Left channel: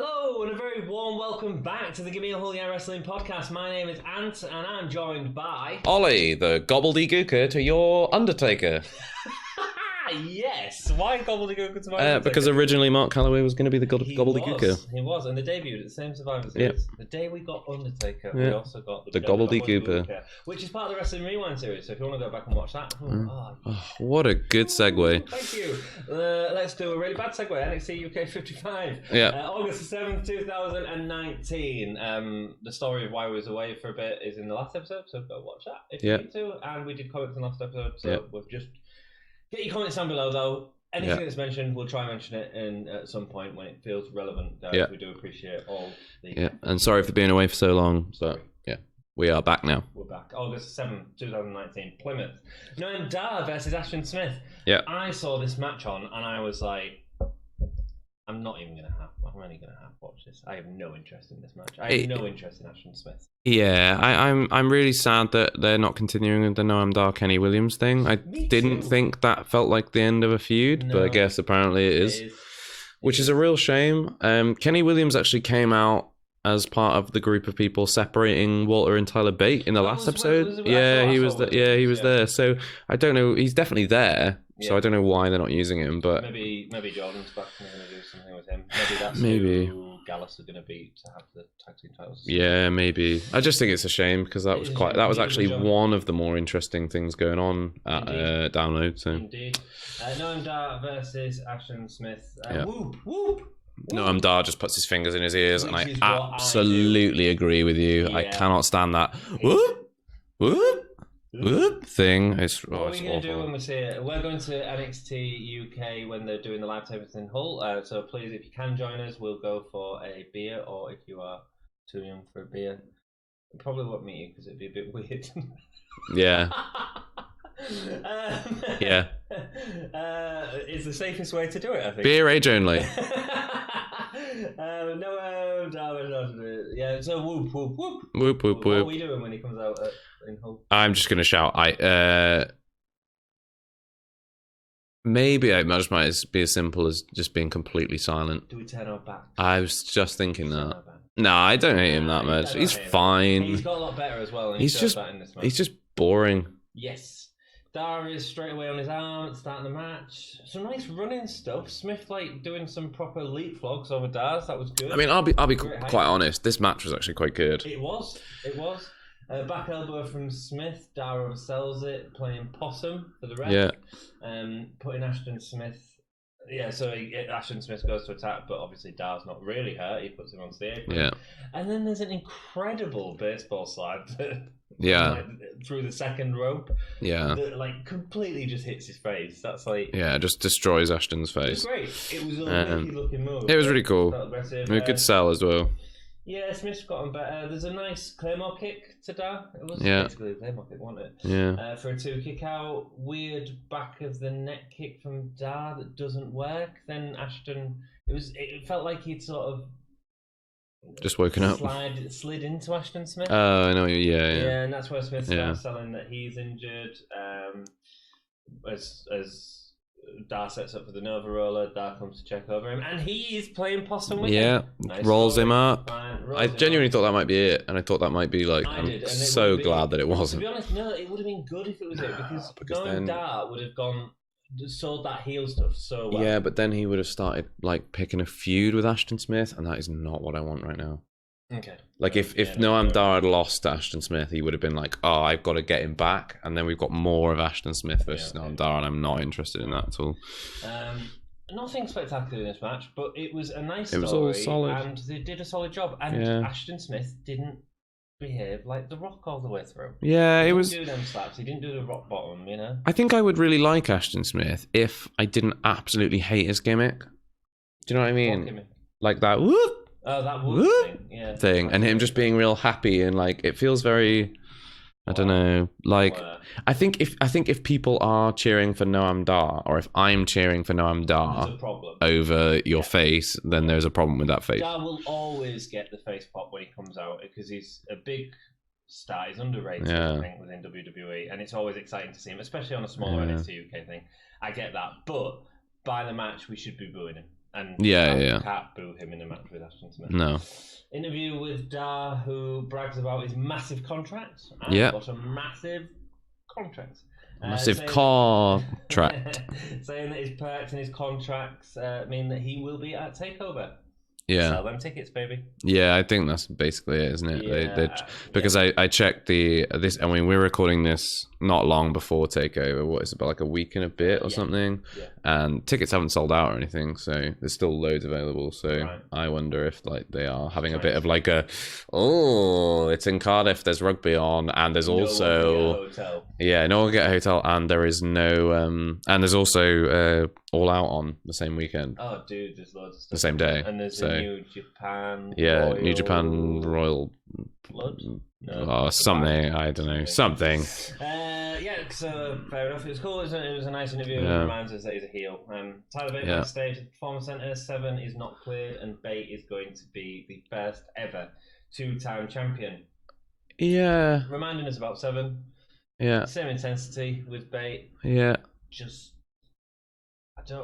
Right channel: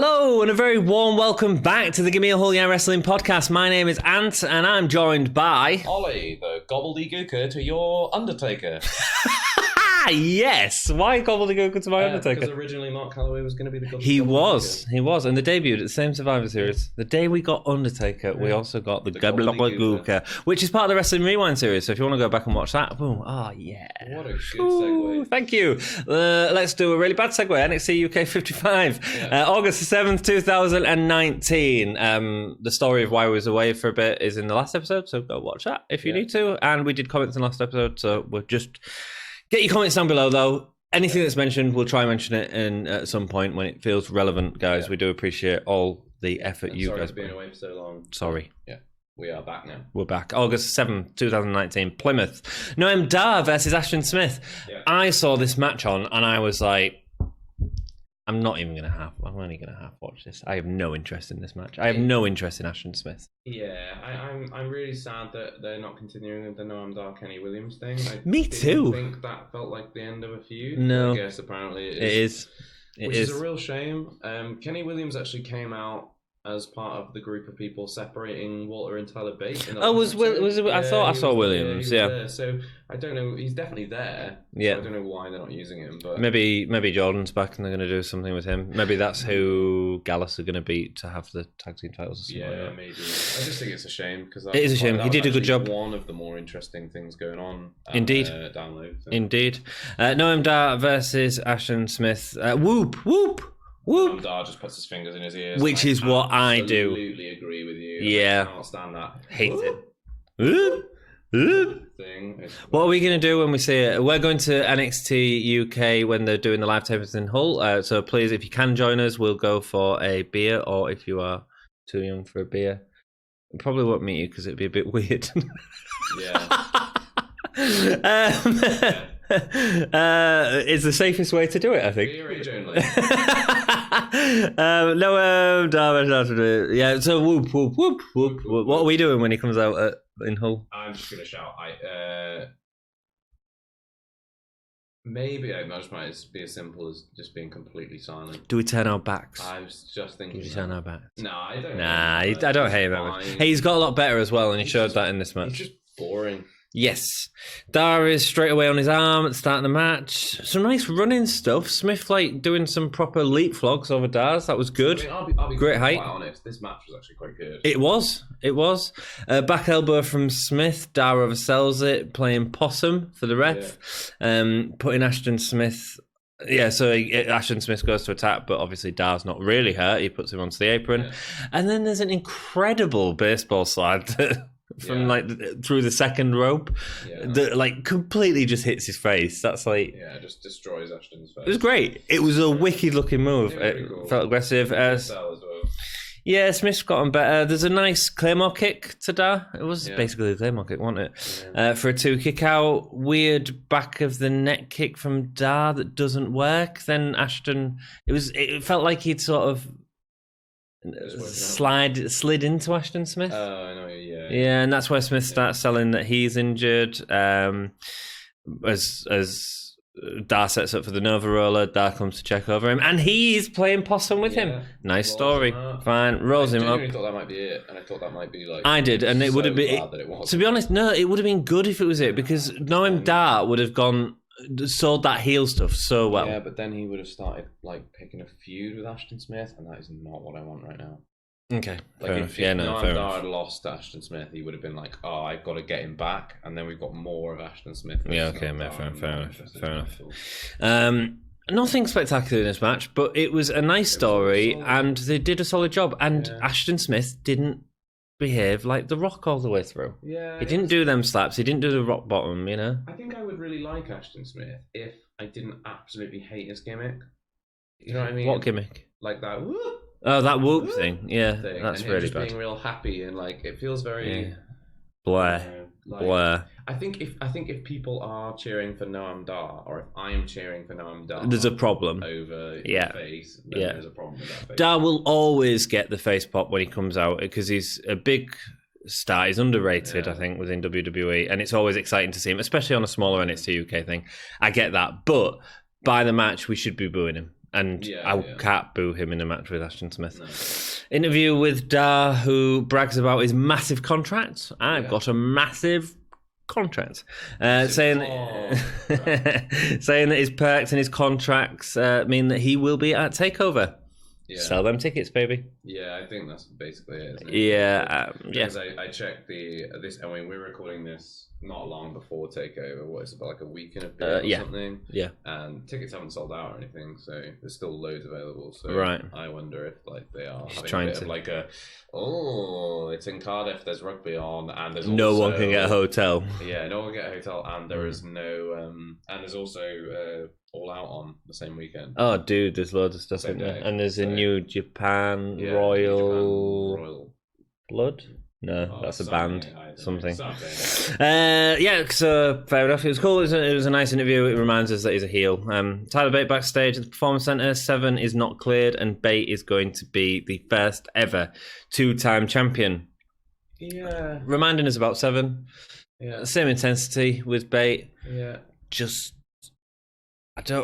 Hello and a very warm welcome back to the Gimme a Whole Year Wrestling podcast. My name is Ant and I'm joined by... Ollie, the gobbledygooker to your Undertaker. Yes! Why gobbledygooker to my Undertaker? Because originally Mark Calloway was going to be the gobbledygooker. He was, and they debuted at the same Survivor Series. Yeah. The day we got Undertaker, we also got the gobbledygooker, which is part of the Wrestling Rewind series, so if you want to go back and watch that, boom. Oh, yeah. What a good segue. Thank you. Let's do a really bad segue. NXT UK 55. Yeah. August 7th, 2019. The story of why we was away for a bit is in the last episode, so go watch that if you need to. And we did comments in the last episode, so we'll just... Get your comments down below, though. Anything that's mentioned, we'll try and mention it at some point when it feels relevant, guys. We do appreciate all the effort. And sorry for being away for so long. Sorry. We are back now. We're back. August 7th, 2019, Plymouth. Noam Dar versus Ashton Smith. Yeah. I saw this match on, and I was like, I'm only going to half watch this. I have no interest in this match. I have no interest in Ashton Smith. Yeah, I'm really sad that they're not continuing with the Noam Dar Kenny Williams thing. I didn't think that felt like the end of a feud, but I guess apparently it is. Which is a real shame. Kenny Williams actually came out as part of the group of people separating Walter and Tyler Bate in the last episode. He was there. So I don't know. He's definitely there. So I don't know why they're not using him. But maybe Jordan's back and they're going to do something with him. Maybe that's who Gallus are going to beat to have the tag team titles. Yeah, maybe. I just think it's a shame because that was actually one of the more interesting things going on. Indeed. Download. So. Indeed. Noam Dar versus Ashton Smith. Whoop whoop. Noam Dar just puts his fingers in his ears. Which is what I do. Absolutely agree with you. Yeah. I cannot stand that. Thing. What are we going to do when we see it? We're going to NXT UK when they're doing the live tapings in Hull. So please, if you can join us, we'll go for a beer. Or if you are too young for a beer, we probably won't meet you because it'd be a bit weird. Yeah. It's the safest way to do it, I think. Beer age only. Yeah, so whoop, whoop, whoop, whoop, whoop. What are we doing when he comes out in Hull? I'm just going to shout. Maybe it might be as simple as just being completely silent. Do we turn our backs? I was just thinking that. Turn our backs. No, I don't hate him that much. I don't hate him. Fine. Hey, he's got a lot better as well, and he shows that in this match. He's just boring. Yes. Dar is straight away on his arm at the start of the match. Some nice running stuff. Smith doing some proper leapfrogs over Dar's. That was good. I mean, I'll be quite honest. This match was actually quite good. It was. Back elbow from Smith. Dar oversells it, playing possum for the ref. Yeah. Putting Ashton Smith... Yeah, so Ashton Smith goes to attack, but obviously Dar's not really hurt. He puts him onto the apron. Yeah. And then there's an incredible baseball slide through the second rope. Yeah. That completely just hits his face. That's just destroys Ashton's face. It was great. It was a wicked looking move. It was really cool. Felt aggressive. Good sell as well. Yeah, Smith's gotten better. There's a nice Claymore kick to Dar. It was basically a Claymore kick, wasn't it? Yeah. For a 2 kick out. Weird back of the neck kick from Dar that doesn't work. Then Ashton, it felt like he'd sort of just woken up. Slid into Ashton Smith. I know. Yeah, and that's where Smith starts selling that he's injured. As Dar sets up for the Nova Roller, Dar comes to check over him, and he's playing possum with him. Nice rolls story. Him up. Fine, rolls him up. I genuinely thought that might be it, and I thought that might be I did, and it would have been. Glad that it wasn't. To be honest, no, it would have been good if it was it because knowing Dar would have sold that heel stuff so well. Yeah, but then he would have started picking a feud with Ashton Smith, and that is not what I want right now. Okay. If Noam Dar had lost to Ashton Smith, he would have been like, oh, I've got to get him back. And then we've got more of Ashton Smith versus Noam Dar, and I'm not interested in that at all. Nothing spectacular in this match, but it was a nice story, and they did a solid job. And Ashton Smith didn't behave like The Rock all the way through. Yeah, he didn't do them slaps. He didn't do the rock bottom, you know? I think I would really like Ashton Smith if I didn't absolutely hate his gimmick. Do you know what I mean? What gimmick? Like that whoop. Oh, that whoop thing, and him just being real happy and it feels very. I don't know. I think if people are cheering for Noam Dar, or if I'm cheering for Noam Dar, there's a problem over your face. Then there's a problem with that face. Dar will always get the face pop when he comes out because he's a big star. He's underrated, I think, within WWE, and it's always exciting to see him, especially on a smaller NXT UK thing. I get that, but by the match, we should be booing him. And I can't boo him in a match with Ashton Smith. No. Interview with Dar, who brags about his massive contract. I got a massive contract. Saying that his perks and his contracts mean that he will be at TakeOver. Yeah. Sell them tickets, baby. Yeah, I think that's basically it, isn't it? Yeah. Because I checked this. I mean, we're recording this not long before TakeOver. What is it, about like a week and a bit or something? Yeah. And tickets haven't sold out or anything, so there's still loads available. So I wonder if like they are having a bit of like it's in Cardiff. There's rugby on, and there's also no one can get a hotel. Yeah, no one can get a hotel, and there is no and there's also All Out on the same weekend. Oh, dude, there's loads of stuff. The same day, and there's a New Japan. New Japan Royal Blood. No, something. I don't know. Something. So fair enough. It was cool. It was a nice interview. It reminds us that he's a heel. Tyler Bate backstage at the Performance Center. 7 is not cleared, and Bate is going to be the first ever 2-time champion. Yeah. Reminding us about 7. Yeah. Same intensity with Bate. Yeah. Just.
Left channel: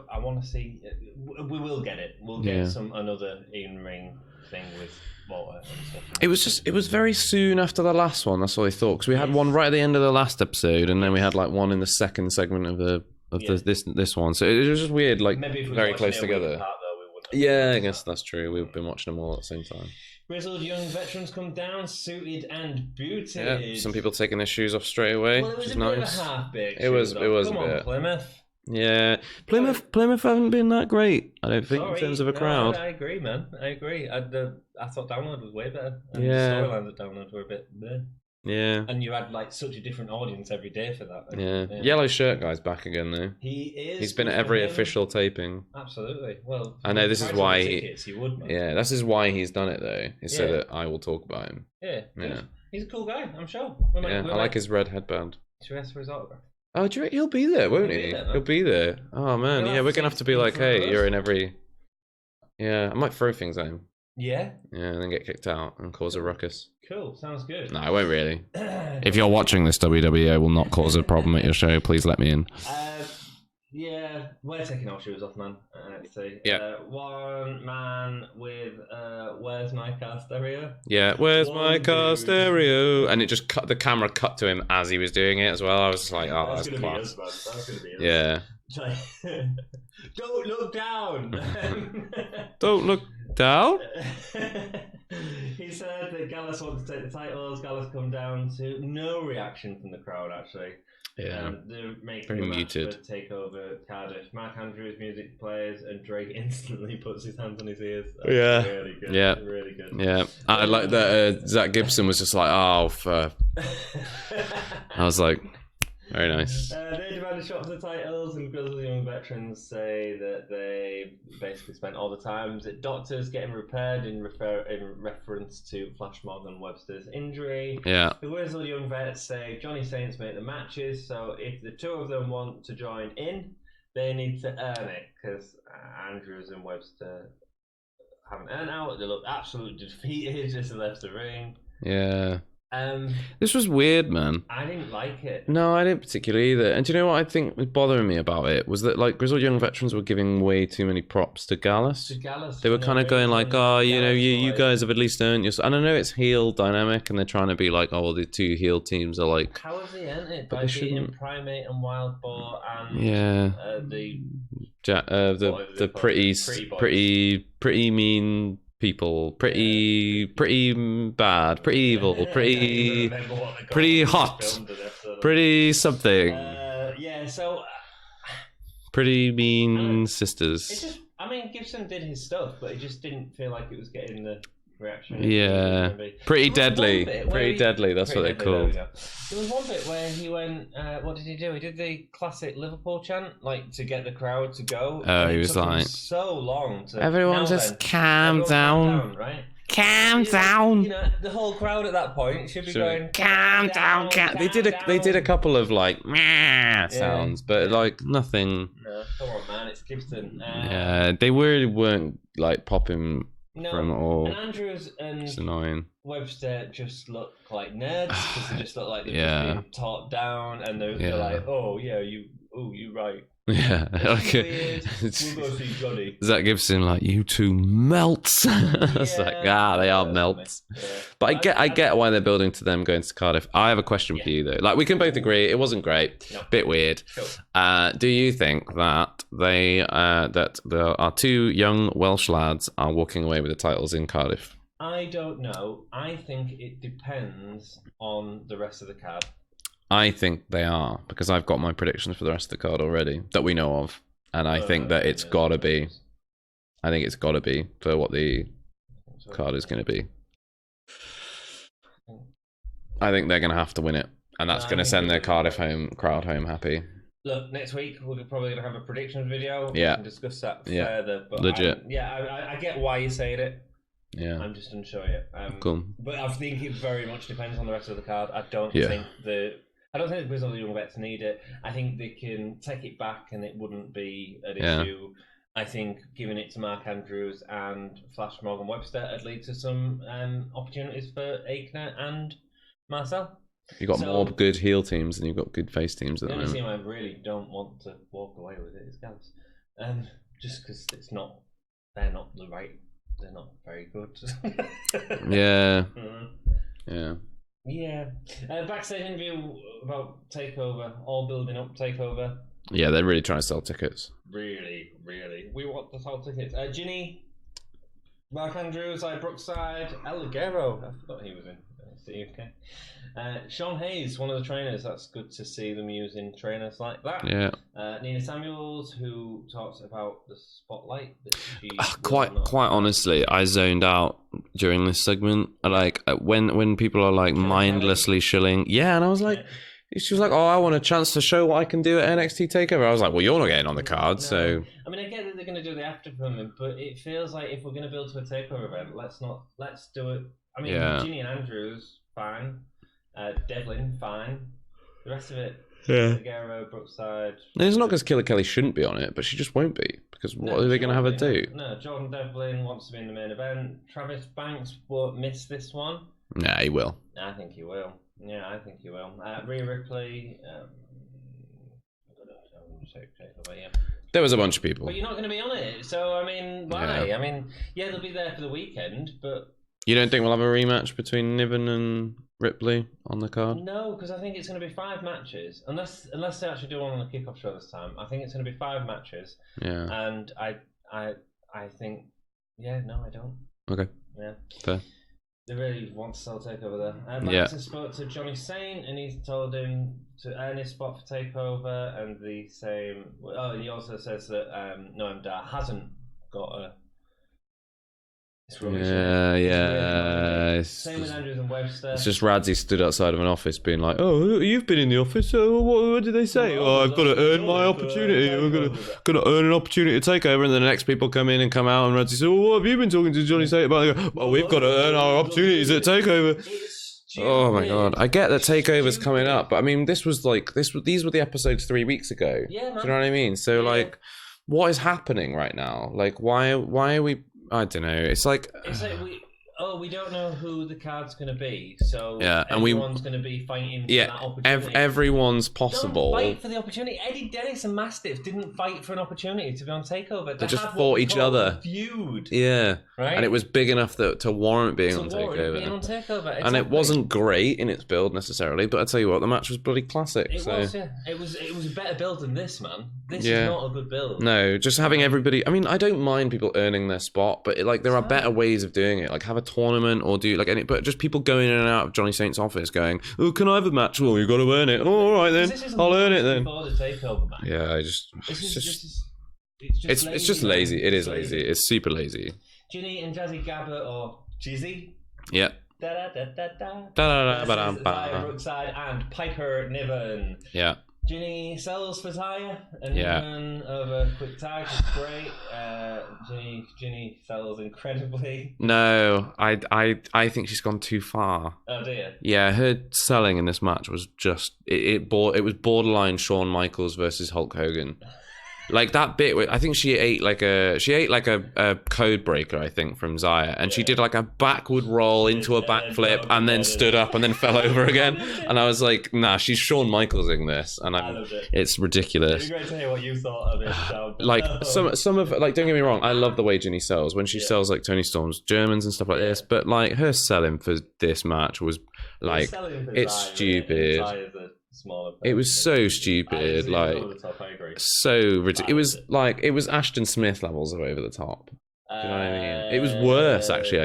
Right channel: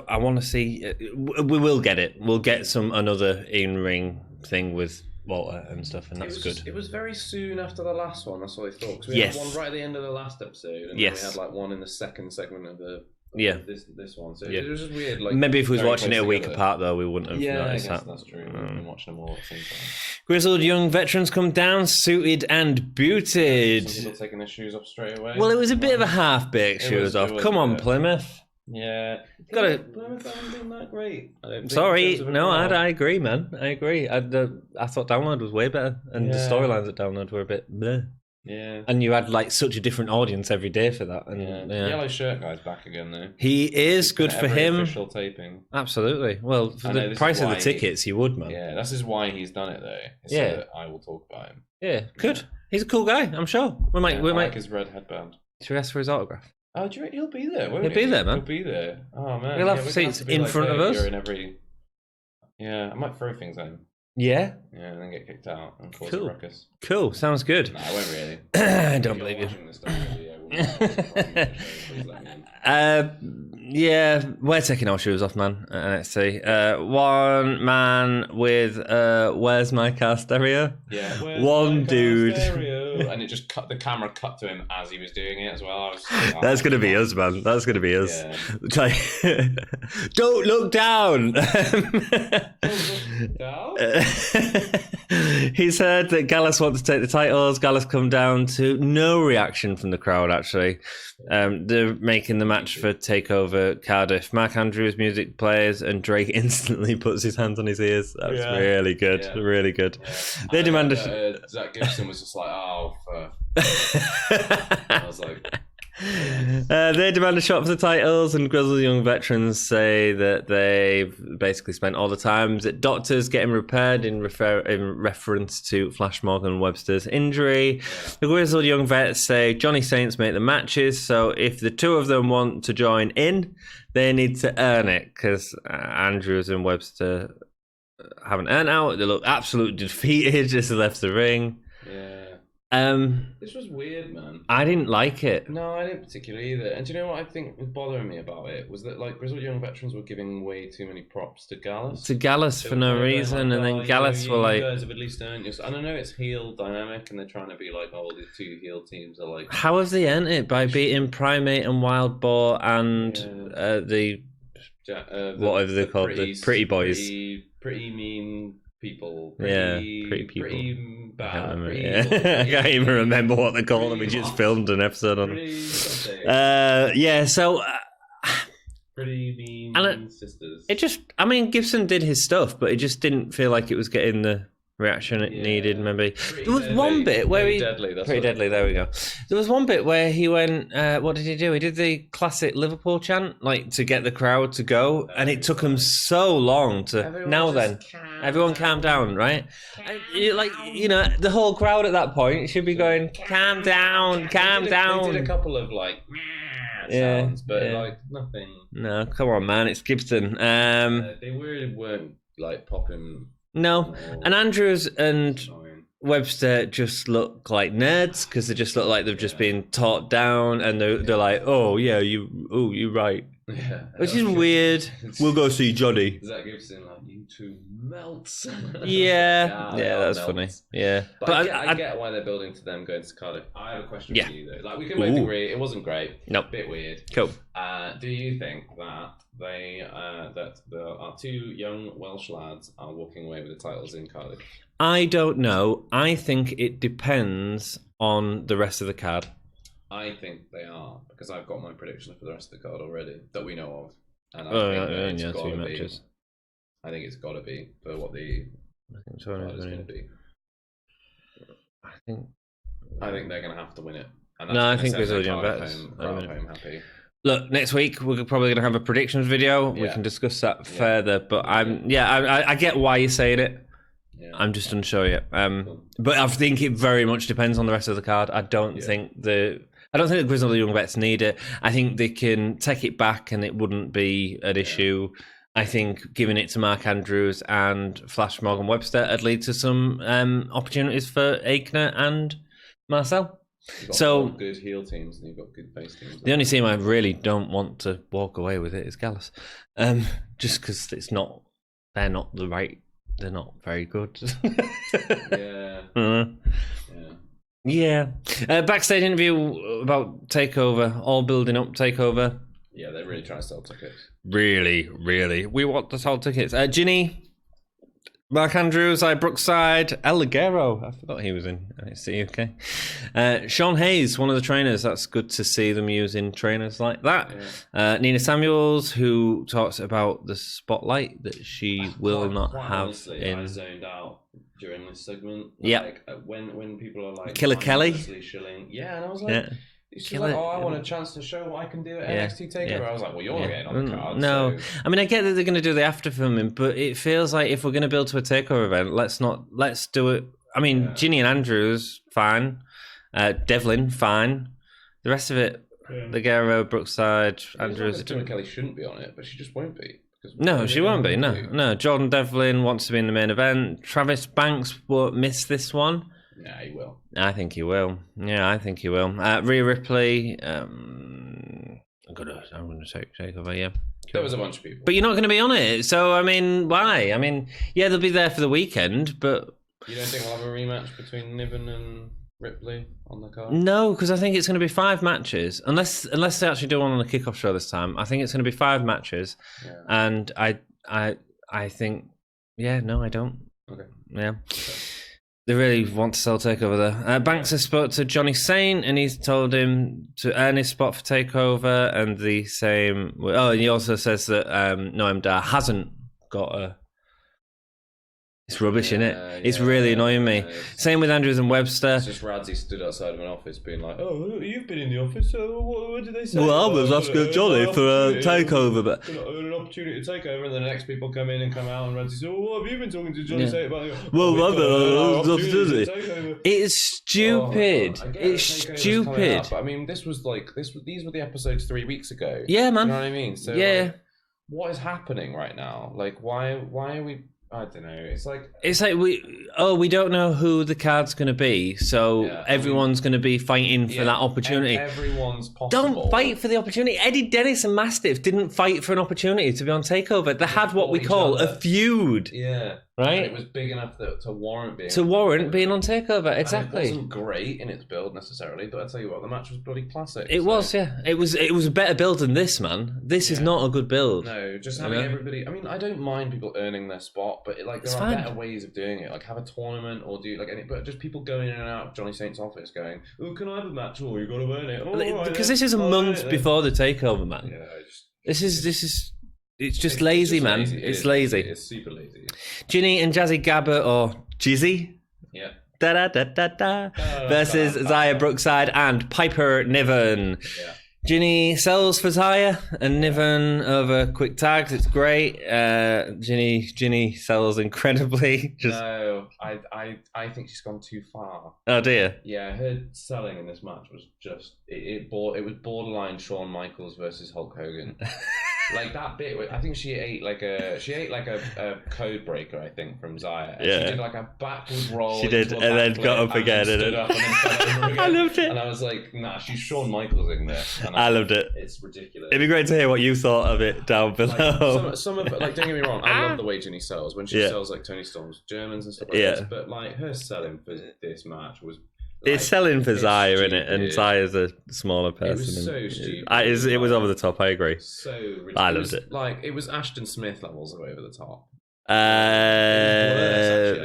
I want to see. We will get it. We'll get another in-ring thing with Walter and stuff. And it was very soon after the last one. That's what I thought, because we had one right at the end of the last episode, and then we had like one in the second segment of this one. So it was just weird. Like, maybe if we was watching it a week apart, though, we wouldn't have. Yeah, I guess that's true. We've been watching them all at the same time. Grizzled young veterans come down, suited and booted. Some people taking their shoes off straight away. Well, it was a bit of a half-baked shoes off. Come on, Plymouth. Yeah, Plymouth haven't been that great. I don't think. Sorry, no, I agree, man. I agree. I thought Download was way better, and the storylines at Download were a bit bleh. Yeah, and you had like such a different audience every day for that. And, Yellow shirt guy's back again though. He is. He's good for him. Official taping. Absolutely. Well, for the price of the tickets, he would, man. Yeah, this is why he's done it though. So that I will talk about him. Yeah, good. He's a cool guy. I'm sure. I like his red headband. Should we ask for his autograph? Oh, he'll be there, won't he? He'll be there, man. He'll be there. Oh, man. We're going to have to be like, hey, you're in every... Yeah, I might throw things at him. Yeah? Yeah, and then get kicked out and cause a ruckus. Cool, sounds good. No, I won't really. If you're watching this, WWE will not cause a problem at your show. Please let me in. Yeah, we're taking our shoes off, man, at NXT. Yeah. One man with Where's My Car Stereo? Yeah, Where's My Car Stereo? And it just the camera cut to him as he was doing it as well. I was like, that's going to be us, man. That's going to be us. Yeah. Don't look down. Don't look down? He's heard that Gallus wants to take the titles. Gallus come down to no reaction from the crowd, actually. Yeah. They're making the match for TakeOver Cardiff. Mark Andrews music plays, and Drake instantly puts his hands on his ears. That's really good. Yeah. Really good. Yeah. I like that, Zach Gibson was just like, oh, I was like... Very nice. They demand a shot for the titles, and Grizzled Young Veterans say that they've basically spent all the time at doctors getting repaired in reference to Flash Morgan Webster's injury. Yeah. The Grizzled Young Vets say Johnny Saints make the matches, so if the two of them want to join in, they need to earn it, because Andrews and Webster haven't earned out. They look absolutely defeated as they left the ring. Yeah. This was weird, man. I didn't like it. No, I didn't particularly either. And do you know what I think was bothering me about it? Was that like Grizzled Young Veterans were giving way too many props to Gallus. They were kind of going like, oh, you guys have at least earned your... And I know it's heel dynamic, and they're trying to be like, oh, well, the two heel teams are like... How have they earned it? By beating Primate and Wild Boar and the pretty boys. Pretty mean... People pretty bad, pretty evil. Pretty, I can't even remember what they're called. Pretty hot. Just filmed an episode. Pretty something. So pretty mean sisters. It just, I mean, Gibson did his stuff, but it just didn't feel like it was getting the reaction it needed. Maybe pretty deadly. That's pretty deadly. There we go. There was one bit where he went. What did he do? He did the classic Liverpool chant, like to get the crowd to go, and it took him so long to. Everyone calm down, right? Calm down. Like, the whole crowd at that point should be going calm down. They did a couple of like sounds, but like nothing. No, come on, man, it's Gibson. They really weren't like popping. No, and Andrews and Webster just look like nerds because they just look like they've just been taught down, and they're like, oh yeah, you're right. Yeah, which is weird. We'll go see Johnny. Zach Gibson, like, you two melts. Yeah, they are melts. Funny. Yeah, but I get why they're building to them going to Cardiff. I have a question for you though. Like, we can both agree it wasn't great. No, bit weird. Cool. Do you think that that our two young Welsh lads are walking away with the titles in Cardiff? I don't know. I think it depends on the rest of the card. I think they are, because I've got my predictions for the rest of the card already that we know of, and I think that it's got to be. I think it's got to be for what the card is going to be. I think they're going to have to win it, and that's going to send their Cardiff crowd home happy. Look, next week we're probably going to have a predictions video. We can discuss that further. But I get why you're saying it. Yeah, I'm just unsure yet. Cool. But I think it very much depends on the rest of the card. I don't think the Grizzled Young Vets need it. I think they can take it back and it wouldn't be an issue. I think giving it to Mark Andrews and Flash Morgan Webster would lead to some opportunities for Aikner and Marcel. You've got more good heel teams and you've got good face teams. The only team I really don't want to walk away with it is Gallus. Just because they're not very good. Yeah. Backstage interview about TakeOver, all building up TakeOver. Yeah, they're really trying to sell tickets. Really. We want to sell tickets. Jinny, Mark Andrews, Brookside, El Ligero. I forgot he was in NXT UK. Sean Hayes, one of the trainers. That's good to see them using trainers like that. Yeah. Nina Samuels, who talks about the spotlight that she will not. Quite honestly, I zoned out during this segment. Yeah. Like when people are like Killer mindlessly Kelly. shilling. Yeah, and I was like. Yeah. She was like, I want a chance to show what I can do at NXT TakeOver. I was like, well, you're not getting on the card. No. So. I mean, I get that they're going to do the after filming, but it feels like if we're going to build to a TakeOver event, let's do it. I mean, Jinny and Andrews, fine. Devlin, fine. The rest of it, Ligero, Brookside. It's not because Killer Kelly shouldn't be on it, but she just won't be. Because she won't be. No, Jordan Devlin wants to be in the main event. Travis Banks won't miss this one. Nah, he will. I think he will. Yeah, I think he will. Rhea Ripley. I'm gonna take over. Yeah, there was a bunch of people, but you're not going to be on it. So I mean, why? Yeah. I mean, they'll be there for the weekend, but you don't think we'll have a rematch between Niven and Ripley on the card? No, because I think it's going to be 5 matches, unless they actually do one on the kickoff show this time. I think it's going to be 5 matches. Yeah, and I think, I don't. Okay, yeah. Fair. They really want to sell TakeOver there. Banks has spoke to Johnny Saint and he's told him to earn his spot for TakeOver, and the same. Oh, and he also says that Noam Dar hasn't got a. It's rubbish, isn't it? It's really annoying me. Same with Andrews and Webster. It's just Radzi stood outside of an office being like, "Oh, you've been in the office. What did they say? Well, I was asking Johnny for a TakeOver. But got to earn an opportunity to take over." And then the next people come in and come out, and Radzi said, "Well, what have you been talking to Johnny Saint about?" Well, we've got to earn our opportunities at TakeOver. It's stupid. Oh my god! I get that TakeOver's coming up, but I mean, these were the episodes 3 weeks ago. Yeah, man. Do you know what I mean? So like, what is happening right now? Like, why are we? I don't know. It's like we don't know who the card's going to be, so everyone's going to be fighting for that opportunity. Everyone's possible. Don't fight for the opportunity. Eddie Dennis and Mastiff didn't fight for an opportunity to be on TakeOver. They had what we call a feud. Yeah. Right? And it was big enough to warrant being on TakeOver. Exactly. And it wasn't great in its build necessarily, but I tell you what, the match was bloody classic. It was a better build than this, man. This is not a good build. No, just having everybody. I mean, I don't mind people earning their spot, but there are better ways of doing it. Like have a tournament or do but just people going in and out of Johnny Saint's office going, "Oh, can I have a match?" Well, you've got to earn it. Oh, all right, because this is a month before the TakeOver match. Yeah, it's just lazy, man. Lazy. It's lazy. It's super lazy. Jinny and Jazzy Gabart, or Jizzy. Yeah. Versus Zaya Brookside and Piper Niven. Yeah. Jinny sells for Zaya and Niven over quick tags. It's great. Jinny sells incredibly. No, I think she's gone too far. Oh dear. Yeah, her selling in this match was just it was borderline Shawn Michaels versus Hulk Hogan. Like that bit where I think she ate like a code breaker, I think, from Xia, and she did like a backward roll into a backflip and then stood up and then fell over again. And I was like, nah, she's Shawn Michaelsing this. And I loved it. It's ridiculous. It'd be great to hear what you thought of it down below. Like some of like, don't get me wrong, I love the way Jinny sells when she sells like Toni Storm's Germans and stuff like this, but like her selling for this match was like, it's selling for Xia, isn't it? And Xia's a smaller person. It was so stupid. It was over the top. I agree. So ridiculous. It was Ashton Smith levels of over the top. It was worse, actually.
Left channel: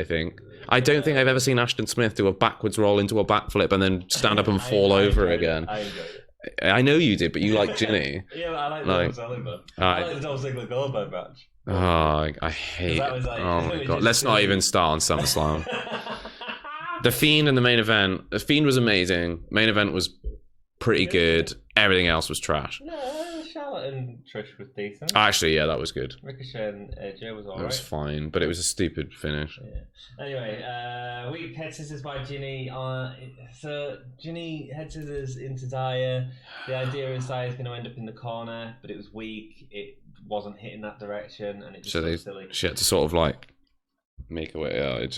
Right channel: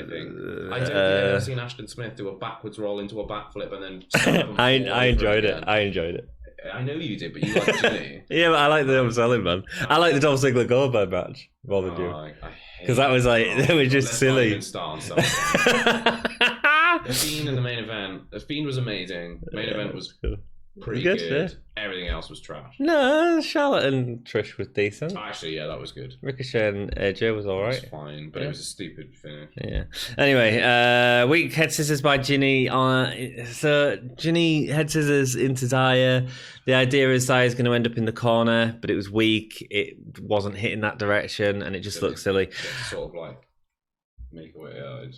I don't think I've ever seen Ashton Smith do a backwards roll into a backflip and then stand up and fall over again. I enjoyed it. I know you did, but you like Jinny. Yeah, but I like the selling, man. I like the Dolph Ziggler Goldberg match. I hate. Because that was like, let's not even start on SummerSlam. The Fiend in the main event. The Fiend was amazing. Main event was pretty good. Everything else was trash. No, Charlotte and Trish was decent. Actually, yeah, that was good. Ricochet and AJ was alright. It was fine, but it was a stupid finish. Yeah. Anyway, weak head scissors by Jinny. So Jinny head scissors into Xia. The idea is Xia's going to end up in the corner, but it was weak. It wasn't hitting that direction, and it just looked silly. She had to sort of like make a way.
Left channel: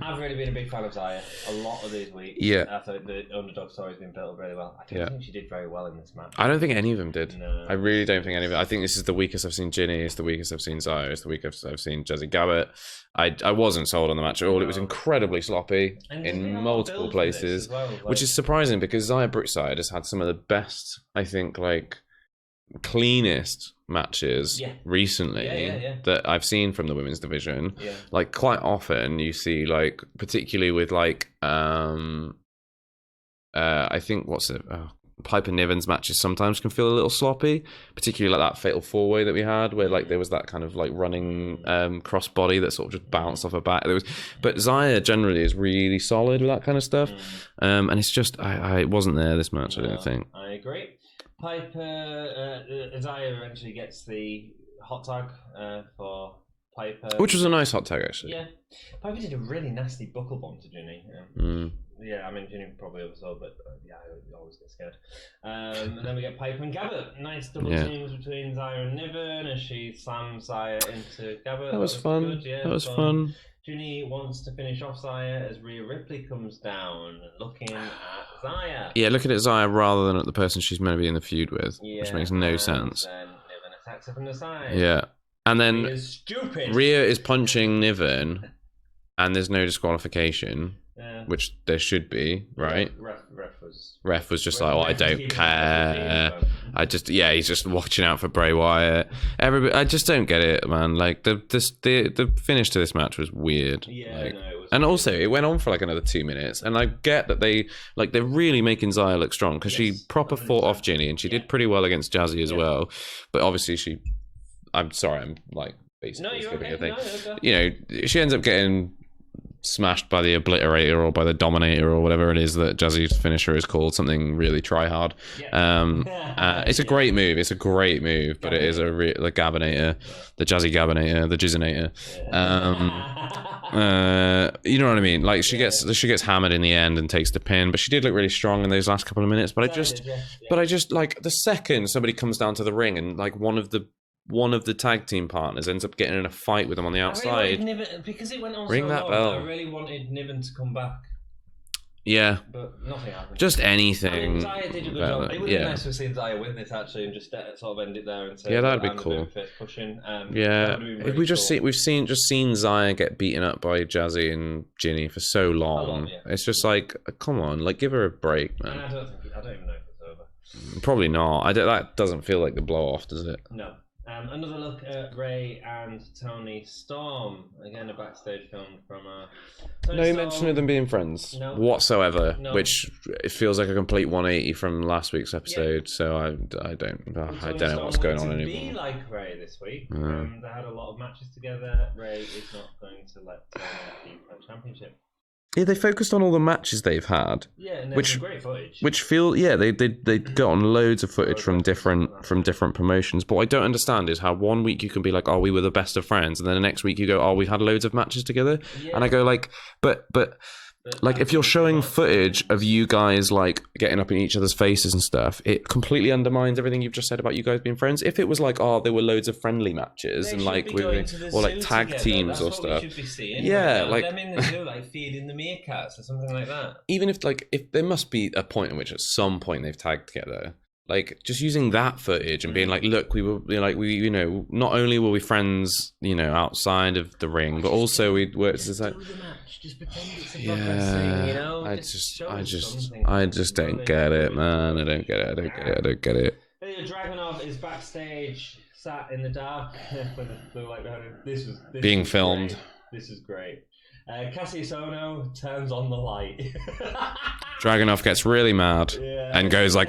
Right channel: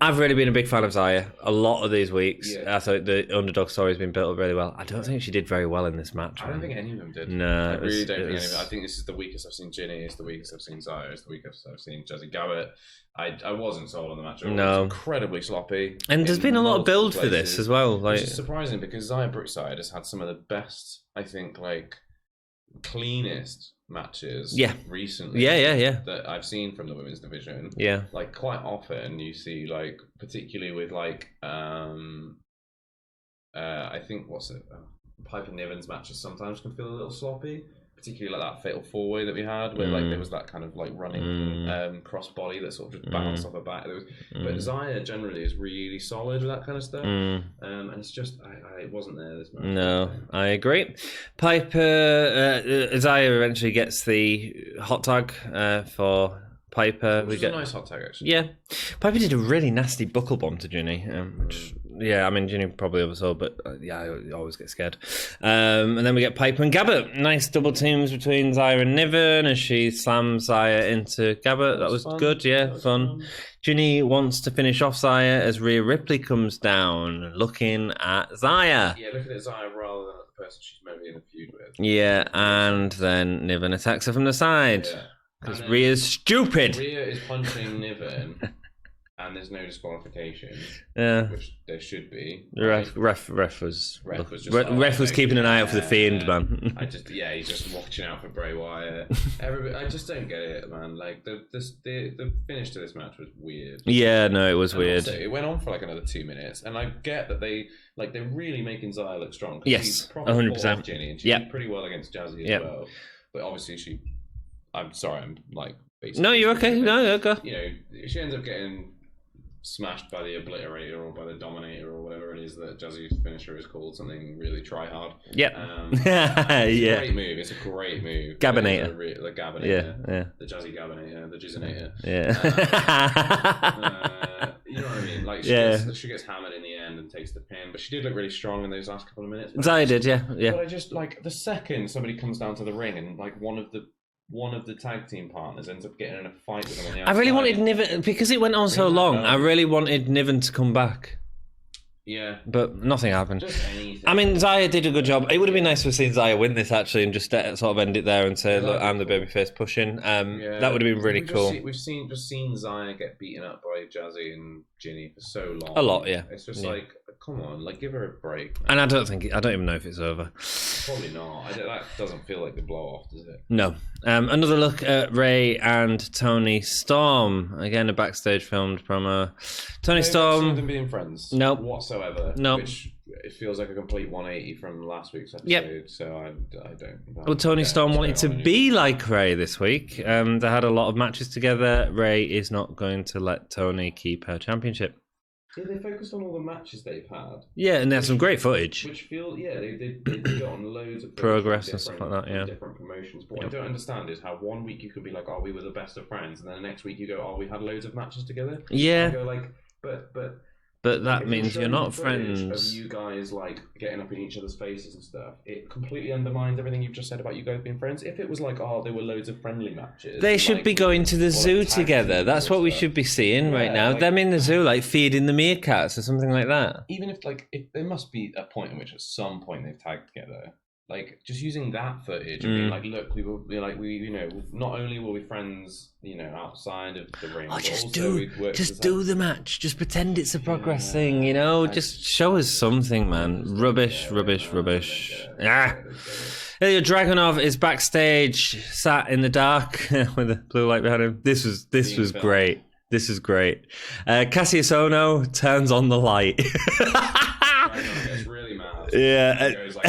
I've really been a big fan of Xia a lot of these weeks. Yeah, I thought the underdog story has been built up really well. I don't think she did very well in this match. I don't think any of them did. No, I really don't think any of them. I think this is the weakest I've seen Jinny. It's the weakest I've seen Xia. It's the weakest I've seen Jazzy Gabart. I wasn't sold on the match at all. It was incredibly sloppy. And there's been a lot of build for this as well, which is surprising because Xia Brookside has had some of the best, I think, like cleanest matches recently that I've seen from the women's division. Like quite often you see like, particularly with like I think Piper Niven's matches sometimes can feel a little sloppy, particularly like that fatal four-way that we had where like there was that kind of like running crossbody that sort of just bounced off her back. There was but Xia generally is really solid with that kind of stuff. And it's just I wasn't there this match. I don't think. I agree. Piper Xia eventually gets the hot tag for Piper, which was a nice hot tag actually. Yeah, Piper did a really nasty buckle bomb to Jinny. Yeah, I mean Jinny probably oversaw, but I always get scared. And then we get Piper and Gabart. Nice double teams between Xia and Niven as she slams Xia into Gabart. That was good. Yeah, that was fun. Jinny wants to finish off Xia as Rhea Ripley comes down, looking at Xia. Yeah, looking at Xia rather than at the person she's meant to be in the feud with. Yeah, makes no sense. Then Niven attacks her from the side. Yeah. And then Rhea's stupid. Rhea is punching Niven, and there's no disqualification, which there should be. Right? Ref was just ref was keeping an eye out for the Fiend, man. He's just watching out for Bray Wyatt. Everybody, I just don't get it, man. Like the finish to this match was weird. Yeah, no, it was. And weird. Also, it went on for like another 2 minutes, and I get that they're really making Xia look strong because she proper 100%. Fought off Jinny, and she did pretty well against Jazzy as well. But obviously I'm sorry, I'm like basically. No, you're okay. No, you're okay. You know, she ends up getting smashed by the Obliterator or by the Dominator or whatever it is that Jazzy's finisher is called, something really try hard. Yeah. It's a great move. It's a great move. Gabinator. The Gabinator. The Jazzy Gabinator. The Jizzinator. Yeah. You know what I mean? Like she gets hammered in the end and takes the pin, but she did look really strong in those last couple of minutes. But I did. But I just like the second somebody comes down to the ring and like one of the tag team partners ends up getting in a fight with them on the outside. I really wanted Niven, because it went on so long, I really wanted Niven to come back. Yeah. But nothing happened. Just anything. I mean, Xia did a good job. It would have been nice to have seen Xia win this, actually, and just sort of end it there and say, I'm the babyface pushing. That would have been really cool. We've seen Xia get beaten up by Jazzy and Jinny for so long. A lot, yeah. It's just like, come on, like, give her a break, man. And I don't even know if it's over. Probably not. That doesn't feel like the blow-off, does it? No. Another look at Ray and Toni Storm. Again, a backstage filmed promo. Toni Storm. No them being friends. No. Whatsoever. No. Which it feels like a complete 180 from last week's episode. Yep. So I don't. Well, Toni Storm wanted to be like Ray this week. No. They had a lot of matches together. Ray is not going to let Toni keep her championship. Yeah, they focused on all the matches they've had. Yeah, and there's some great footage. Which they got on loads of footage from different promotions. But what I don't understand is how 1 week you can be like, oh, we were the best of friends, and then the next week you go, oh, we had loads of matches together. Yeah. And I go like, but But like, if you're showing footage friends. of you guys like getting up in each other's faces and stuff, it completely undermines everything you've just said about you guys being friends. If it was like, oh, there were loads of friendly matches, they should like, be going to the zoo together. That's what we stuff. should be seeing right now. Like, them in the zoo, like feeding the meerkats or something like that. Even if there must be a point in which at some point they've tagged together. Like, just using that footage and being like, look, we not only were we friends, outside of the ring, but also we worked. Just do the match. Just pretend it's a progress thing, Just show us something. I just don't get it. I don't get it. Ilya Dragunov is backstage, sat in the dark with a blue light behind him. This was great. This is great. Kassius Ohno turns on the light. Dragunov gets really mad and goes like...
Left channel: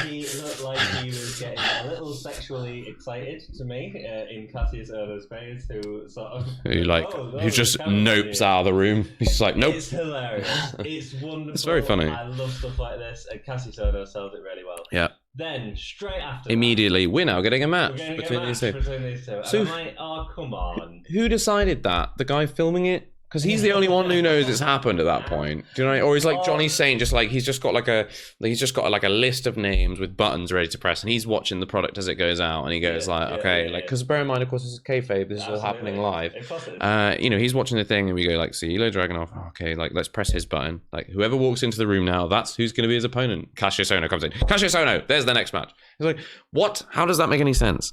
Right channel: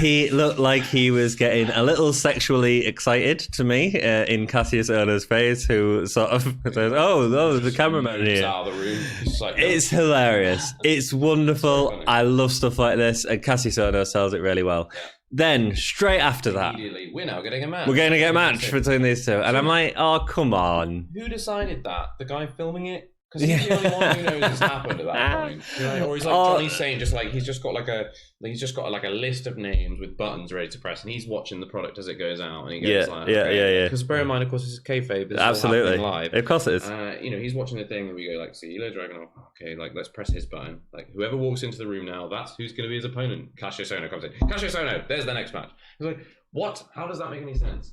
He looked like he was getting a little sexually excited to me in Kassius Ohno's face, who sort of... he just nopes out of the room. He's like, nope. It's hilarious. It's wonderful. It's very funny. I love stuff like this, and Kassius Ohno sells it really well. Yeah. Then, straight after immediately, we're now getting a match. We're going to get a match between these two. And I'm like, oh, come on. Who decided that? The guy filming it? Because he's the only one who knows it's happened at that point. Do you know? Or he's like Johnny saying, he's just got a list of names with buttons ready to press, and he's watching the product as it goes out, and he goes because bear in mind, of course, this is kayfabe. This is all happening live. Of course it is. He's watching the thing, and we go like, see, Ilya Dragunov. Okay, like let's press his button. Like whoever walks into the room now, that's who's going to be his opponent. Kassius Ohno comes in. Kassius Ohno. There's the next match. He's like, what? How does that make any sense?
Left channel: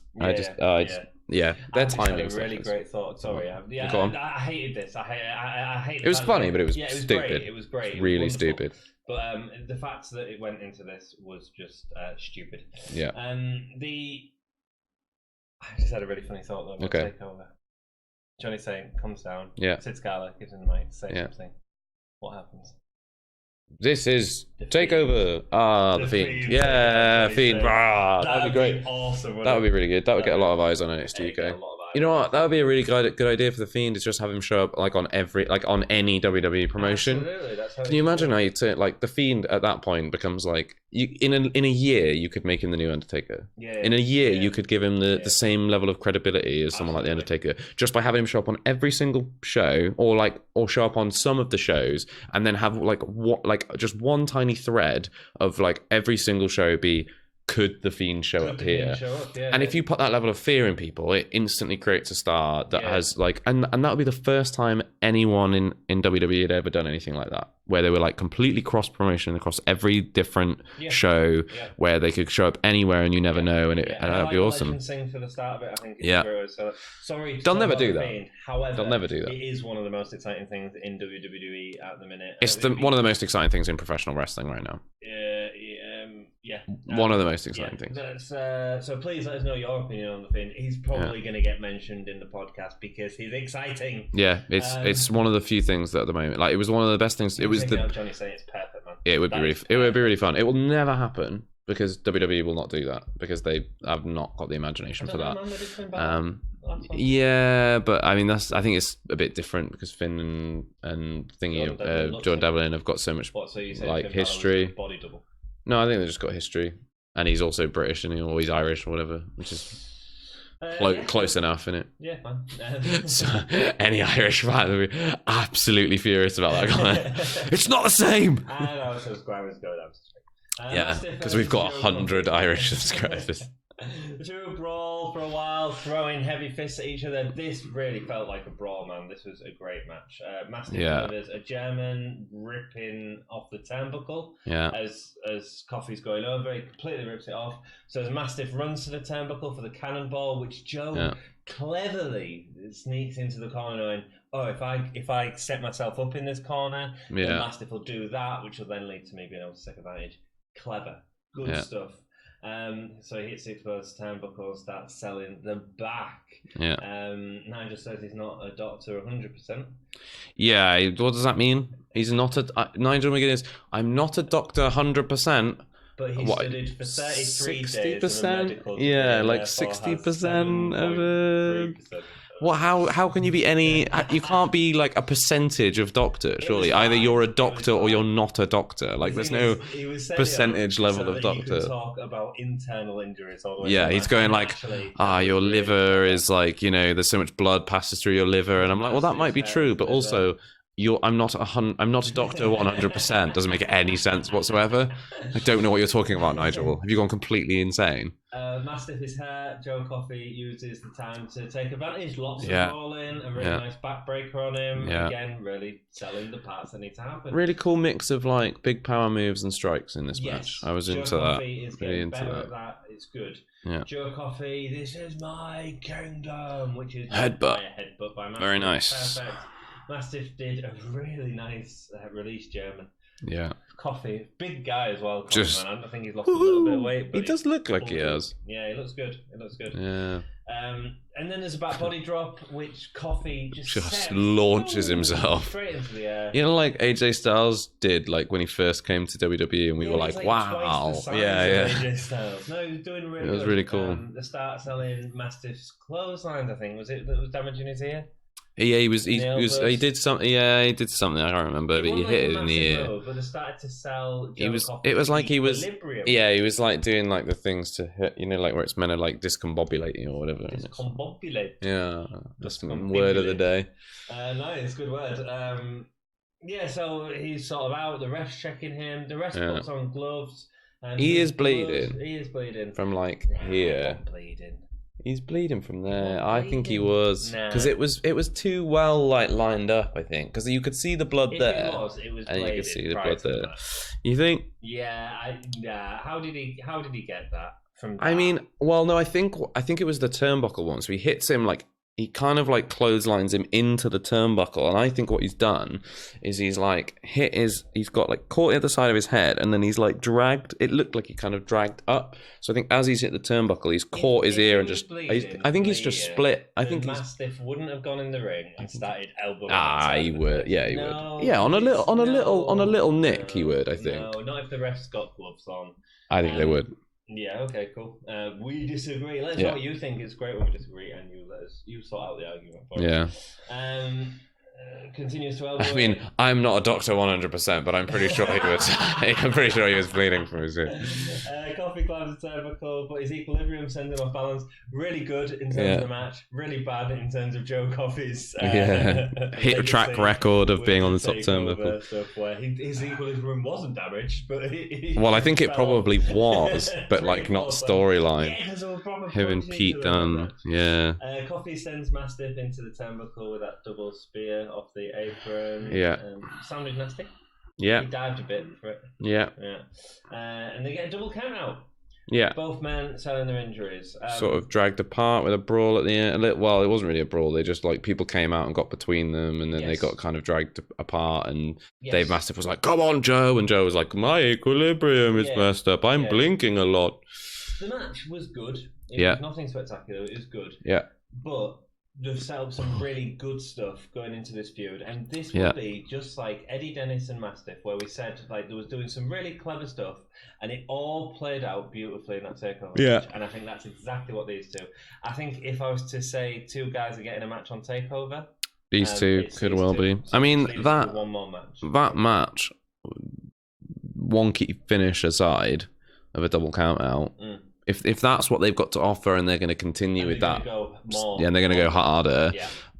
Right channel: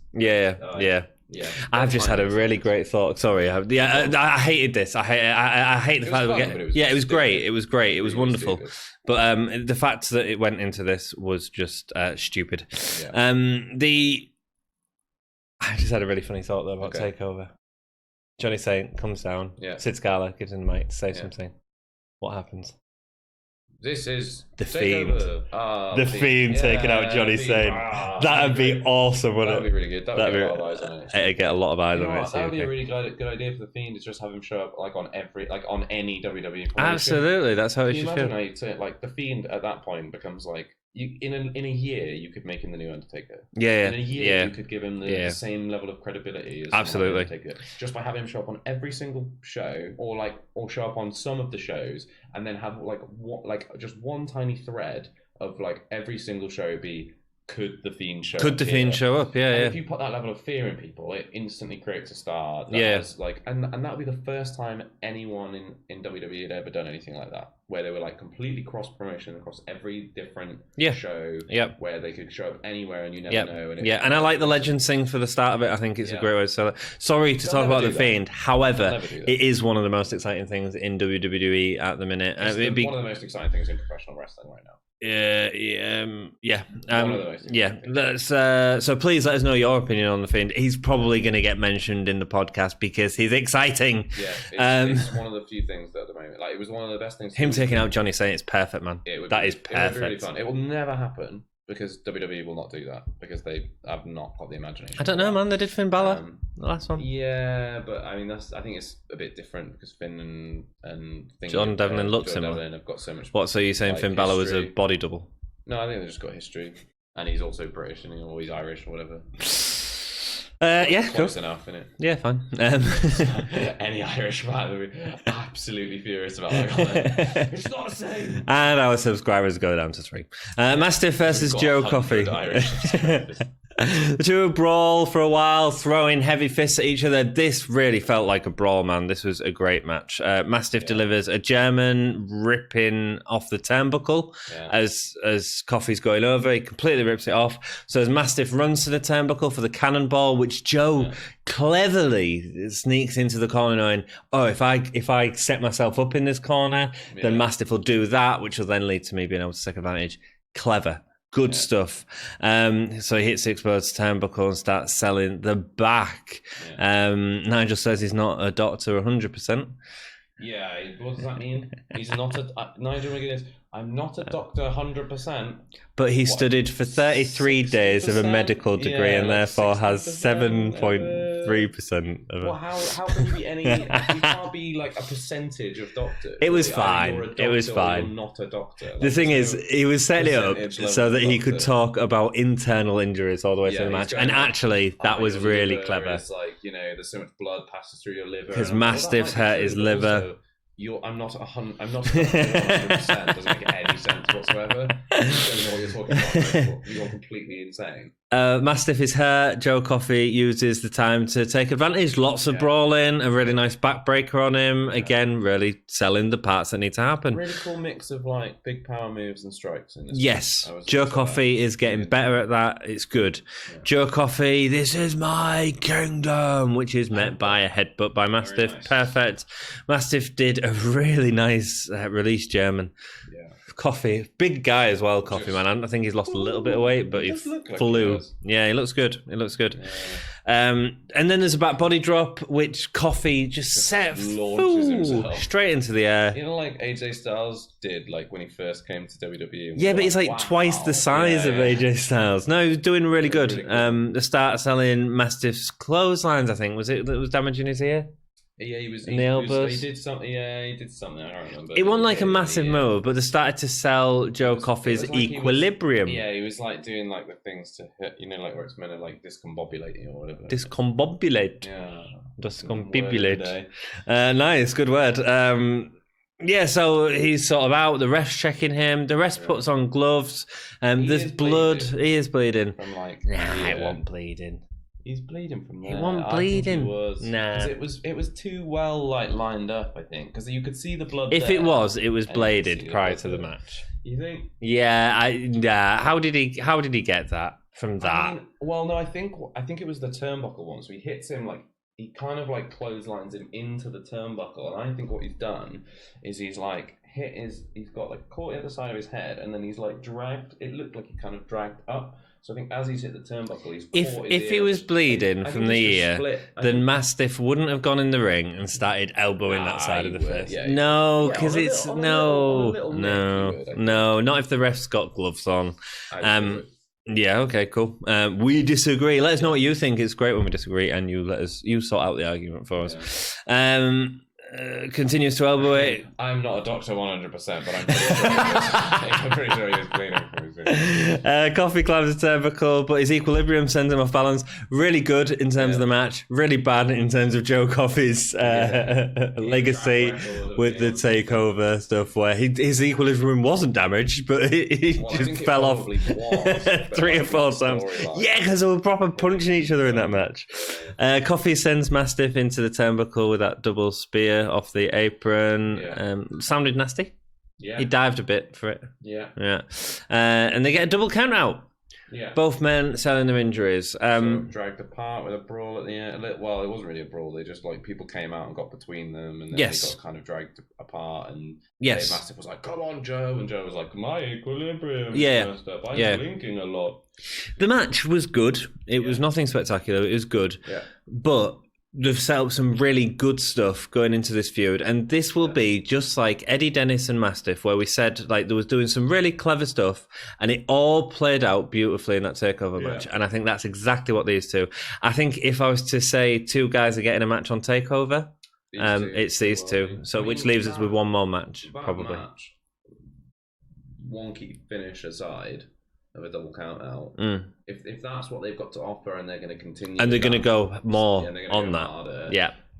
Yeah, I've just had a really great thought. Sorry, I hated this. I hate the fact funny, but it was it was great. It was great. It was really wonderful. Stupid. But the fact that it went into this was just stupid. Yeah. I just had a really funny thought though about Takeover. Johnny Saint comes down. Yeah. Sid Scala gives him the mic to say something. What happens? This is the Takeover. The Fiend taking out Johnny Saint. That'd be awesome. That would be really good. That would get a lot of eyes on it. It'd get a lot of eyes. You know what? That would be a really good idea for the Fiend. Is just have him show up on any WWE promotion. Absolutely, that's how. Can you imagine how you the Fiend at that point becomes like in a year you could make him the new Undertaker. Yeah. In a year you could give him the same level of credibility as someone like the Undertaker, just by having him show up on every single show, or show up on some of the shows, and then have just one tiny thread of every single show be, could the Fiend show up? Could the Fiend show up? Yeah. And if you put that level of fear in people, it instantly creates a star that has and that would be the first time anyone in WWE had ever done anything like that, where they were completely cross promotion across every different show, where they could show up anywhere and you never know. And I like the Legends thing for the start of it. I think it's a great way to sell it. Sorry to talk about the Fiend. However, it is one of the most exciting things in WWE at the minute. It's one of the most exciting things in professional wrestling right now. One of the most exciting things. So please let us know your opinion on the Fiend. He's probably going to get mentioned in the podcast because he's exciting. Yeah, it's one of the few things that at the moment, it was one of the best things. Him taking out Johnny Saint is perfect, man. It would be really fun. It will never happen because WWE will not do that because they have not got the imagination. I don't know, man. They did Finn Balor the last one. Yeah, but I mean I think it's a bit different because Finn and Jordan Devlin have got so much. What? So you're saying Finn Balor was a body double? No, I think they just got history, and he's also British, or he's Irish or whatever. Close enough, innit? Yeah, fine. So, any Irish fan would be absolutely furious about that comment. It's not the same. And our subscribers go down to 3. Mastiff versus Joe Coffey. Irish subscribers. The two brawl for a while, throwing heavy fists at each other. This really felt like a brawl, man. This was a great match. Mastiff delivers a German ripping off the turnbuckle as Coffey's going over. He completely rips it off. So as Mastiff runs to the turnbuckle for the cannonball, which Joe cleverly sneaks into the corner knowing, if I set myself up in this corner, then Mastiff will do that, which will then lead to me being able to take advantage. Clever. Good stuff. So he hits the exposed turnbuckle and starts selling the back. Nigel says he's not a doctor 100%. Yeah, what does that mean? He's not Nigel McGuinness. I'm not a doctor 100%. But he studied for 33 days of a medical degree and therefore has 7.3% of it. Well, how can you be any... You can't be a percentage of doctor, surely. Either you're a doctor or you're not a doctor. The thing is, he was setting it up so that he could talk about internal injuries all the way through the match. He's going actually, that was your really liver clever. Is there's so much blood passes through your liver. And I'm like, well, that might be true, but also... I'm not a doctor 100%. Doesn't make any sense whatsoever. You don't know what you're talking about, Nigel. Have you gone completely insane? Mastiff is hurt. Joe Coffey uses the time to take advantage. Lots of brawling, a really nice backbreaker on him. Yeah. Again, really selling the parts that need to happen. Really cool mix of like big power moves and strikes in this. Yes, Joe Coffey is getting better at that. It's good. Yeah. Joe Coffey, this is my kingdom, which is meant by a headbutt by Mastiff. Very nice. Perfect. Mastiff did a really nice release German. Yeah. Coffey, big guy as well, Coffey, man. I think he's lost a little bit of weight, but he does look like he does. Yeah, he looks good. Yeah. And then there's a back body drop, which Coffey just launches himself straight into the air. You know, like AJ Styles did, like when he first came to WWE. And but he's like twice the size of AJ Styles. No, he was doing really good. Really cool. The start selling Mastiff's clotheslines, I think, was it that was damaging his ear? Yeah, he did something. Yeah, he did something. I can't remember. He won like a massive move, but they started to sell Joe Coffey's Equilibrium. He was like doing like the things to hit, you know, like where it's meant to like discombobulate you or whatever. Discombobulate. Yeah, discombobulate. Nice, good word. Yeah, so he's sort of out. The ref's checking him. The ref puts on gloves. There's blood. He is bleeding from like. He won't bleeding. He's bleeding from there. I think he was because it was too well like lined up. I think because you could see the blood. If it was bladed prior to the match. You think? Yeah. How did he get that from that? I mean, well, no. I think it was the turnbuckle one. So he hits him like. He kind of like clotheslines him into the turnbuckle, and I think what he's done is he's like he's got like caught the other side of his head, and then he's like dragged. It looked like he kind of dragged up. So I think as he's hit the turnbuckle, he's caught his ear. If he was bleeding, I think he's just split. Then Mastiff wouldn't have gone in the ring and started elbowing that side of the face. Yeah, no, on a little nick, he would. I think. No, not if the ref's got gloves on. I think they would. Yeah, okay, cool. We disagree. Let us know what you think. It's great when we disagree, and you sort out the argument for us. Yeah. Continues to elbow it. I'm not a doctor 100%, but I'm pretty sure he was. I'm pretty sure he was bleeding from his ear. Coffey climbs the turnbuckle, but his equilibrium sends him off balance. Really good in terms of the match. Really bad in terms of Joe Coffey's legacy track record of being on the takeover stuff, where his equilibrium wasn't damaged, but I think it probably was, but 3 or 4 storyline. Yeah, because they were proper punching each other in that match. Yeah. Coffey sends Mastiff into the turnbuckle with that double spear off the apron. Sounded nasty. Yeah, he dived a bit for it. Yeah. And they get a double count out. Yeah, both men selling their injuries. Sort of dragged apart with a brawl at the end. Well, it wasn't really a brawl. They just like people came out and got between them, and then they got kind of dragged apart. And Dave Mastiff was like, "Come on, Joe," and Joe was like, "My equilibrium is messed up. I'm blinking a lot." The match was good. It was nothing spectacular. It was good. Yeah, but they've set up some really good stuff going into this feud, and this will be just like Eddie Dennis and Mastiff, where we said like they was doing some really clever stuff, and it all played out beautifully in that takeover match. And I think that's exactly what these two. I think if I was to say 2 guys are getting a match on takeover, it's these two. So which leaves us with one more match. That match, wonky finish aside of a double count out. If that's what they've got to offer, and they're going to continue, and they're going to go more, and they're going to go harder,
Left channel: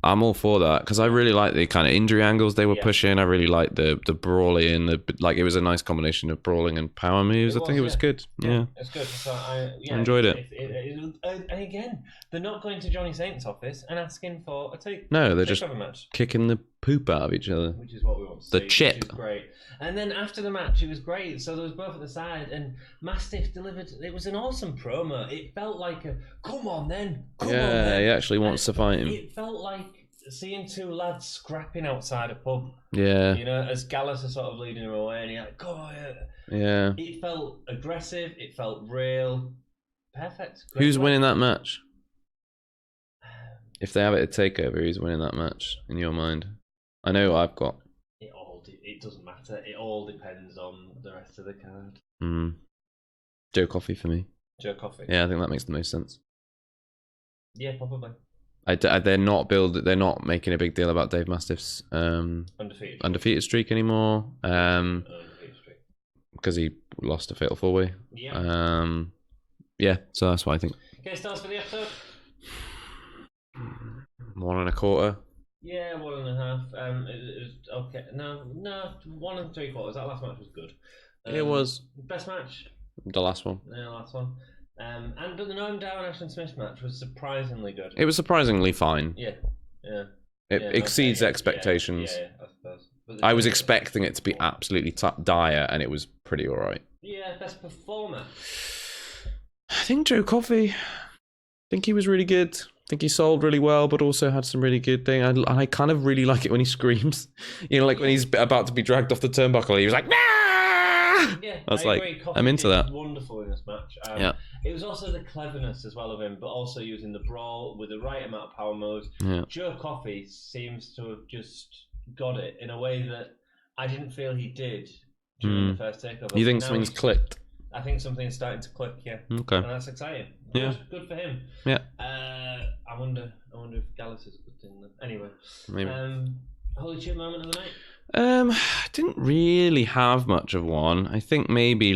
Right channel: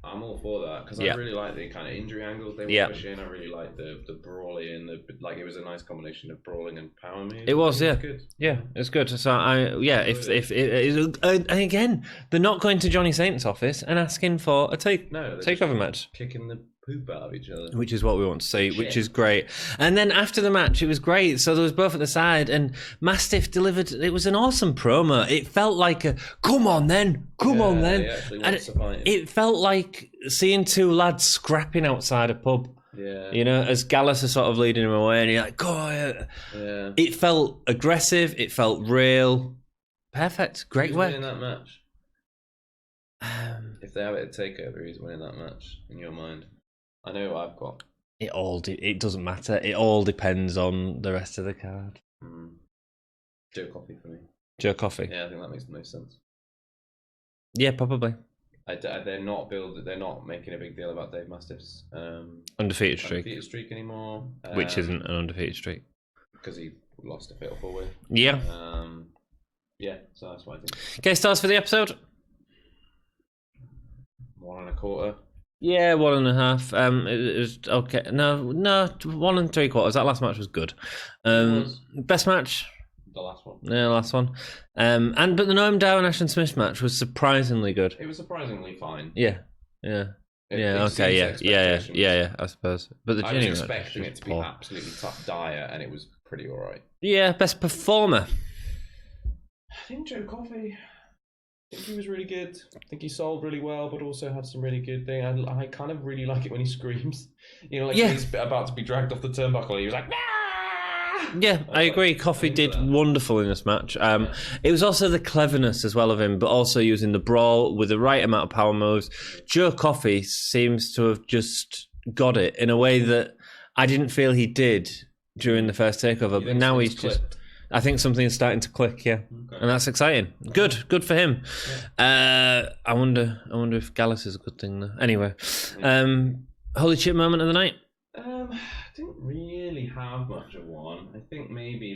I'm all for that, because I really like the kind of injury angles they were pushing. I really like the brawling, it was a nice combination of brawling and power moves. It was good. Yeah, it's good. So I enjoyed it. And again, they're not going to Johnny Saint's office and asking for a takeover just match, kicking the poop out of each other, which is what we want to see, which is great. And then after the match, it was great. So there was both at the side, and Mastiff delivered. It was an awesome promo. It felt like a come on then. He actually wants to fight him. It felt like seeing 2 lads scrapping outside a pub. Yeah, you know, as Gallus is sort of leading him away, and you're like, go on. Yeah, it felt aggressive. It felt real. Perfect. Great. Who's winning that match? If they have it at TakeOver, who's winning that match in your mind? I know what I've got. It doesn't matter. It all depends on the rest of the card. Joe Coffey for me. Joe Coffey. Yeah, I think that makes the most sense. Yeah, probably. They're not making a big deal about Dave Mastiff's undefeated streak anymore, which isn't an undefeated streak because he lost a fatal 4-way. Yeah. So that's what I think. Okay, stars for the episode. 1 1/4. Yeah, 1.5. It was okay. No, 1 3/4. That last match was good. It was. Best match? The last one. Yeah, last one. But the Noam Dar and Ashton Smith match was surprisingly good. It was surprisingly fine. Yeah. It exceeds expectations. Yeah, I suppose. But I was expecting it to be absolutely dire, and it was pretty all right. Yeah, best performer. I think Joe Coffey. I think he was really good. I think he sold really well, but also had some really good thing. I kind of really like it when he screams. When he's about to be dragged off the turnbuckle, he was like, "Nah!" Yeah, I agree. Coffey did wonderful in this match. It was also the cleverness as well of him, but also using the brawl with the right amount of power moves. Yeah. Joe Coffey seems to have just got it in a way that I didn't feel he did during the first takeover. You think now he's clicked? I think something's starting to click, yeah. Okay. And that's exciting. Good for him. Yeah. I wonder if Gallus is a good thing though. Anyway. Holy shit moment of the night. I didn't really have much of one. I think maybe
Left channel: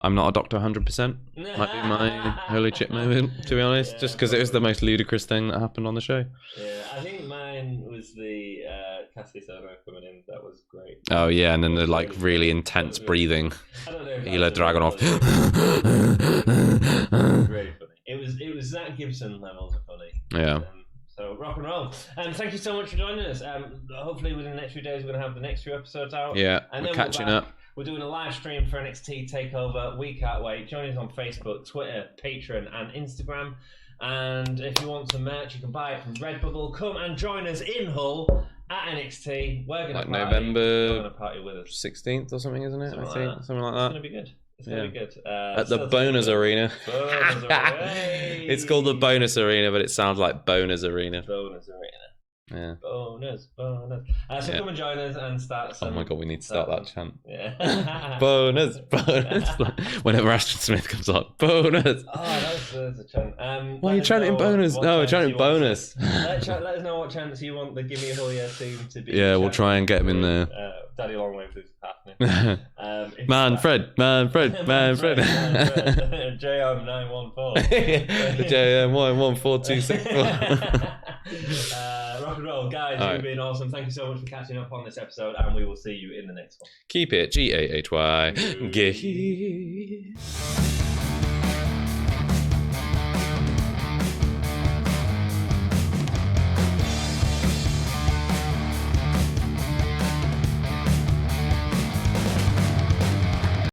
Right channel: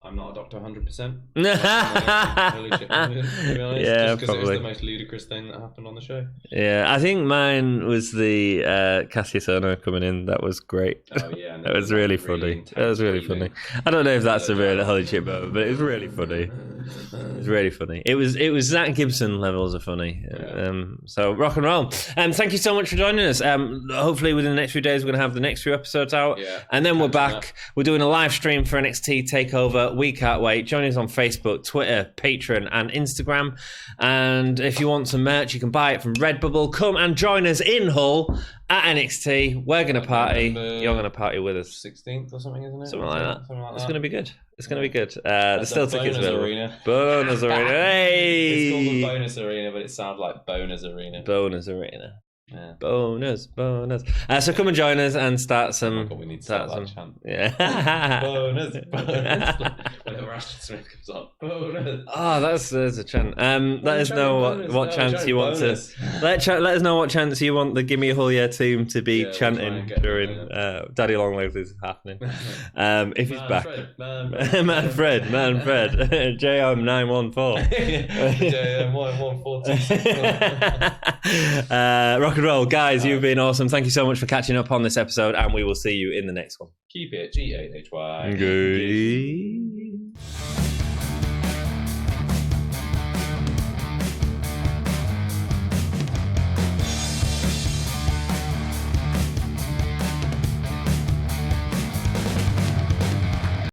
I'm not a doctor 100%. Holy shit moment, to be honest. Yeah, just because it was the most ludicrous thing that happened on the show. Yeah, I think mine was the Kassius Ohno coming in. That was great. Oh yeah, and then it was really intense breathing. Funny. I don't know if that's a real holy shit moment, but it was really funny. It was really funny. It was Zach Gibson levels of funny. Yeah. So rock and roll. Thank you so much for joining us. Hopefully within the next few days we're gonna have the next few episodes out. Yeah. And then we're back. Up. We're doing a live stream for NXT Takeover. We can't wait. Join us on Facebook, Twitter, Patreon, and Instagram. And if you want some merch, you can buy it from Redbubble. Come and join us in Hull at NXT. We're going to party. You're going to party with us. 16th or something, isn't it? Something like that. It's going to be good. It's going to be good. It's the Bonus Arena. Bonus Arena. Hey! It's called the Bonus Arena, but it sounds like Bonus Arena. Bonus Arena. Yeah. Bonus. So come and join us and start some. Oh my god, we need to start that chant. Yeah. bonus. Whenever Ashton Smith comes up, bonus. Oh, there's a chant. Let us know what chance you want. Let us know what chance you want the Gimme Hull Fred to be. Yeah, we'll try and get them there. Daddy Long Live is happening. Fred. JM 914. JM 11426. Rock and roll, guys. You've been awesome. Thank you so much for catching up on this episode, and we will see you in the next one. Keep it GAHY.